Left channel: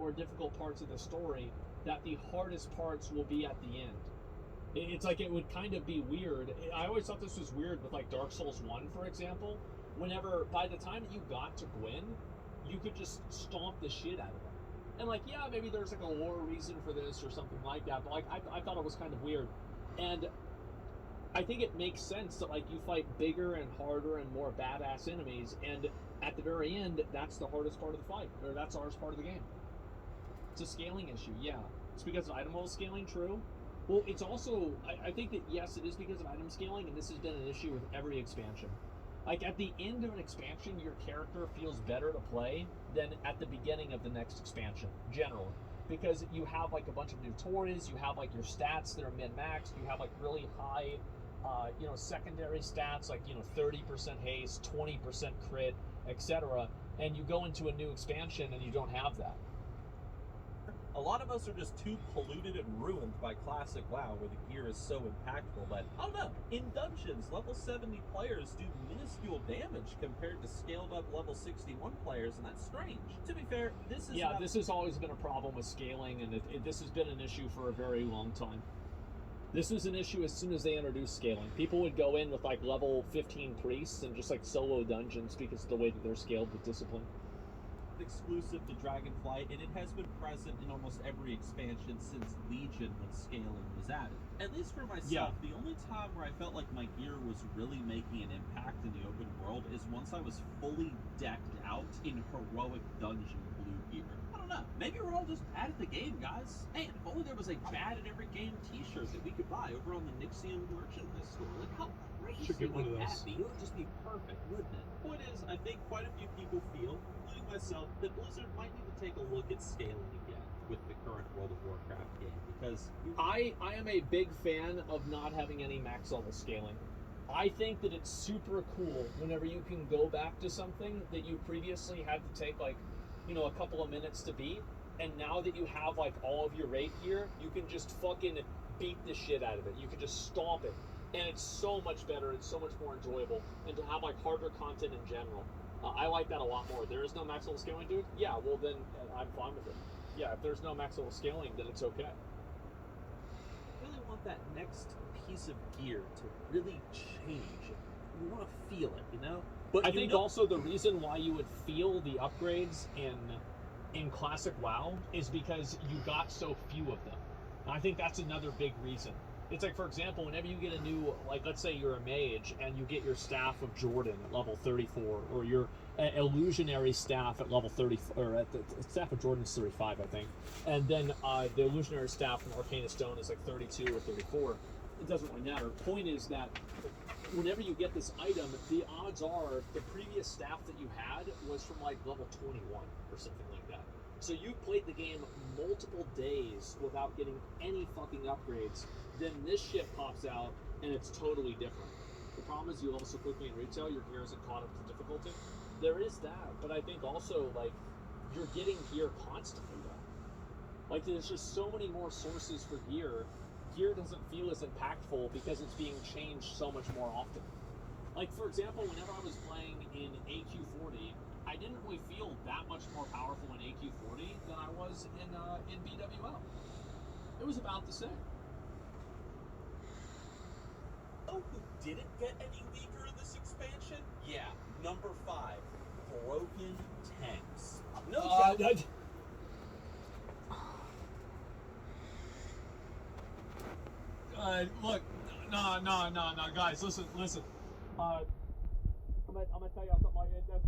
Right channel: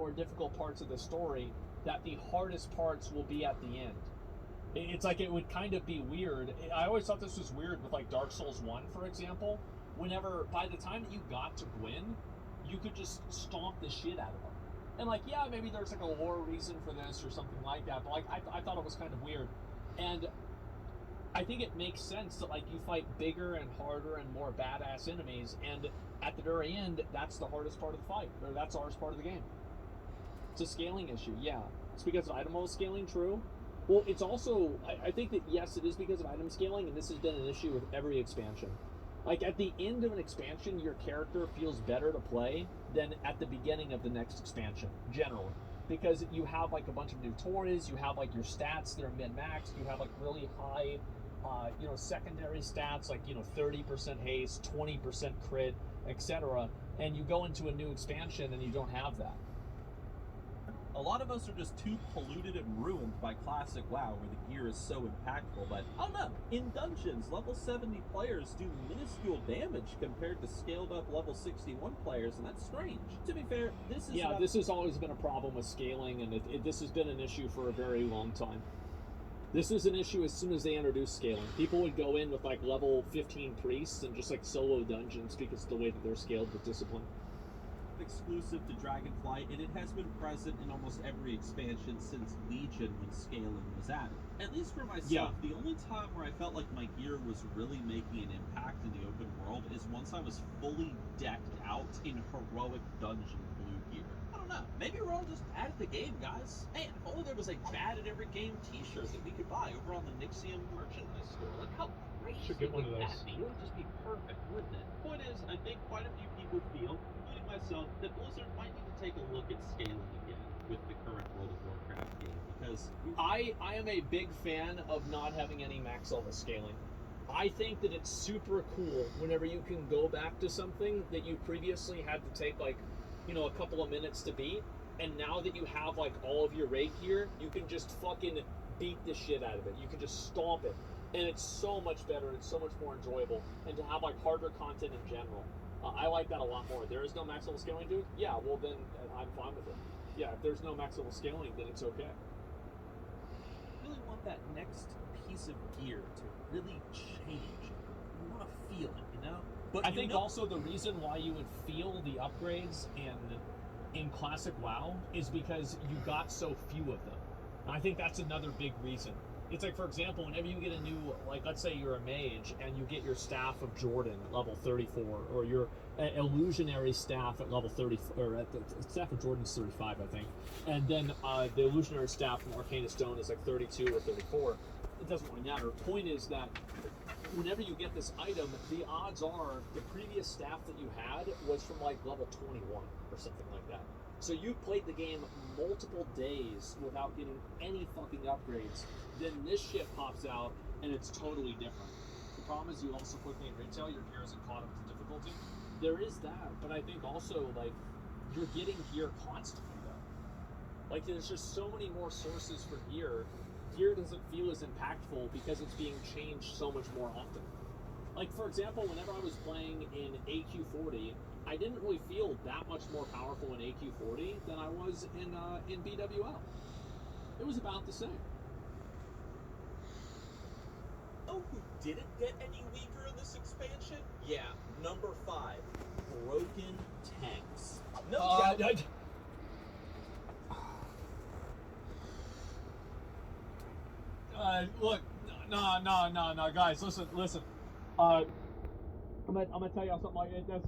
more difficult parts of the story, that the hardest parts will be at the end. It's like it would kind of be weird. I always thought this was weird with like Dark Souls 1, for example. Whenever, by the time that you got to Gwyn, you could just stomp the shit out of them. And like, yeah, maybe there's like a lore reason for this or something like that, but like I thought it was kind of weird. And I think it makes sense that like you fight bigger and harder and more badass enemies, and at the very end, that's the hardest part of the fight, or that's the hardest part of the game. It's a scaling issue, yeah. It's because of item level scaling, true. Well, it's also, I think that yes, it is because of item scaling, and this has been an issue with every expansion. Like at the end of an expansion, your character feels better to play than at the beginning of the next expansion, generally. Because you have like a bunch of new toys, you have like your stats that are min-maxed, you have like really high, secondary stats like, 30% haste, 20% crit, etc. And you go into a new expansion and you don't have that. A lot of us are just too polluted and ruined by classic WoW, where the gear is so impactful, but I don't know. In dungeons, level 70 players do minuscule damage compared to scaled up level 61 players, and that's strange. To be fair, this has always been a problem with scaling, and this has been an issue for a very long time. This was an issue as soon as they introduced scaling. People would go in with like level 15 priests and just like solo dungeons because of the way that they're scaled with discipline. Exclusive to Dragonflight, and it has been present in almost every expansion since Legion when scaling was added. At least for myself, The only time where I felt like my gear was really making an impact in the open world is once I was fully decked out in heroic dungeon blue gear. I don't know, maybe we're all just bad at the game, guys. Hey, if only there was a bad at every game t-shirt that we could buy over on the Nixium merchandise store. Like, how crazy would that be? It would just be perfect, wouldn't it? Point is, I think quite a few people feel, including myself, that Blizzard might need to take a look at scaling again with the current World of Warcraft game, because I am a big fan of not having any max level scaling. I think that it's super cool whenever you can go back to something that you previously had to take like, a couple of minutes to beat, and now that you have like all of your raid gear, you can just fucking beat the shit out of it. You can just stomp it, and it's so much better, it's so much more enjoyable, and to have like harder content in general. I like that a lot more. There is no max level scaling, dude? Yeah, well then I'm fine with it. Yeah, if there's no max level scaling, then it's okay. I really want that next piece of gear to really change. We want to feel it, But I think also the reason why you would feel the upgrades in Classic WoW is because you got so few of them. And I think that's another big reason. It's like, for example, whenever you get a new, like, let's say you're a mage and you get your Staff of Jordan at level 34, or your illusionary staff at level 30, or at the Staff of Jordan is 35, I think. And then the illusionary staff from Arcana Stone is like 32 or 34. It doesn't really matter. Point is that whenever you get this item, the odds are the previous staff that you had was from like level 21 or something like that. So you played the game multiple days without getting any fucking upgrades. Then this shit pops out and it's totally different. The problem is you level so quickly in retail, your gear isn't caught up to difficulty. There is that, but I think also like you're getting gear constantly though. Like there's just so many more sources for gear. Gear doesn't feel as impactful because it's being changed so much more often. Like, for example, whenever I was playing in AQ40, I didn't really feel that much more powerful in AQ40 than I was in BWL. It was about the same. Oh, who didn't get any weaker in this expansion? Yeah, number 5, broken tanks. No doubt. Look, no, guys, listen. I'm gonna tell y'all something like that's not.